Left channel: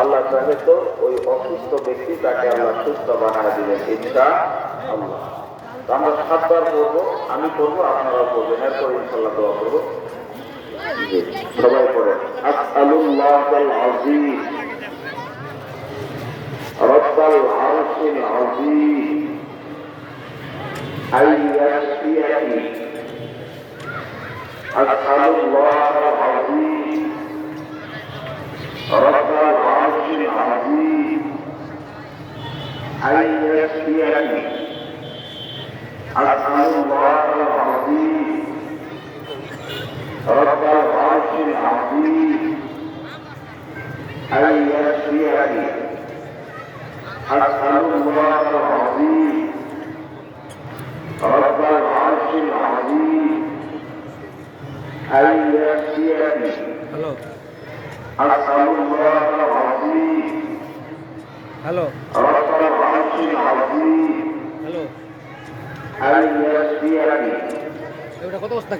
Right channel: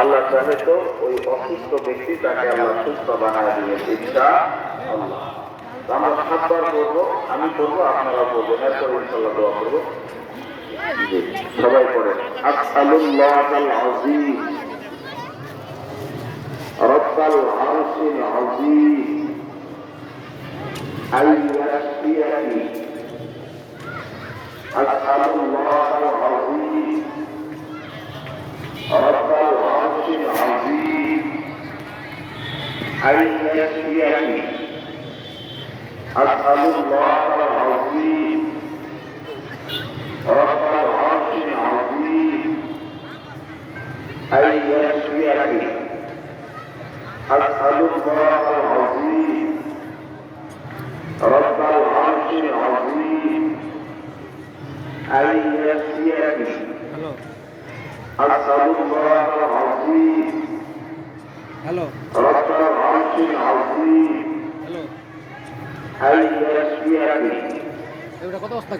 আল্লাহ চাইলে তো ওই অসুস্থ ব্যক্তি তাকে আল্লাহ সুস্থ বানায় দিবেন ইনশাআল্লাহ। আমরা 7 বার পড়বো, আমি পড়বো, আপনারাও পড়বেন, এরপরে ইনশাআল্লাহ দোয়া করবো। জি, সবাই পড়েন। আসআলুল্লাহাল আযীম রব্বাল আরশিল আযীম আইয়াশফিয়ানি। আসআলুল্লাহাল আযীম রব্বাল আরশিল আযীম আইয়াশফিয়ানি। আসআলুল্লাহাল আযীম রব্বাল আরশিল আযীম আইয়াশফিয়ানি। আসআলুল্লাহাল আযীম রব্বাল আরশিল আযীম আইয়াশফিয়ানি। আসআলুল্লাহাল আযীম রব্বাল আরশিল আযীম আইয়াশফিয়ানি। এটা কত বস্তা?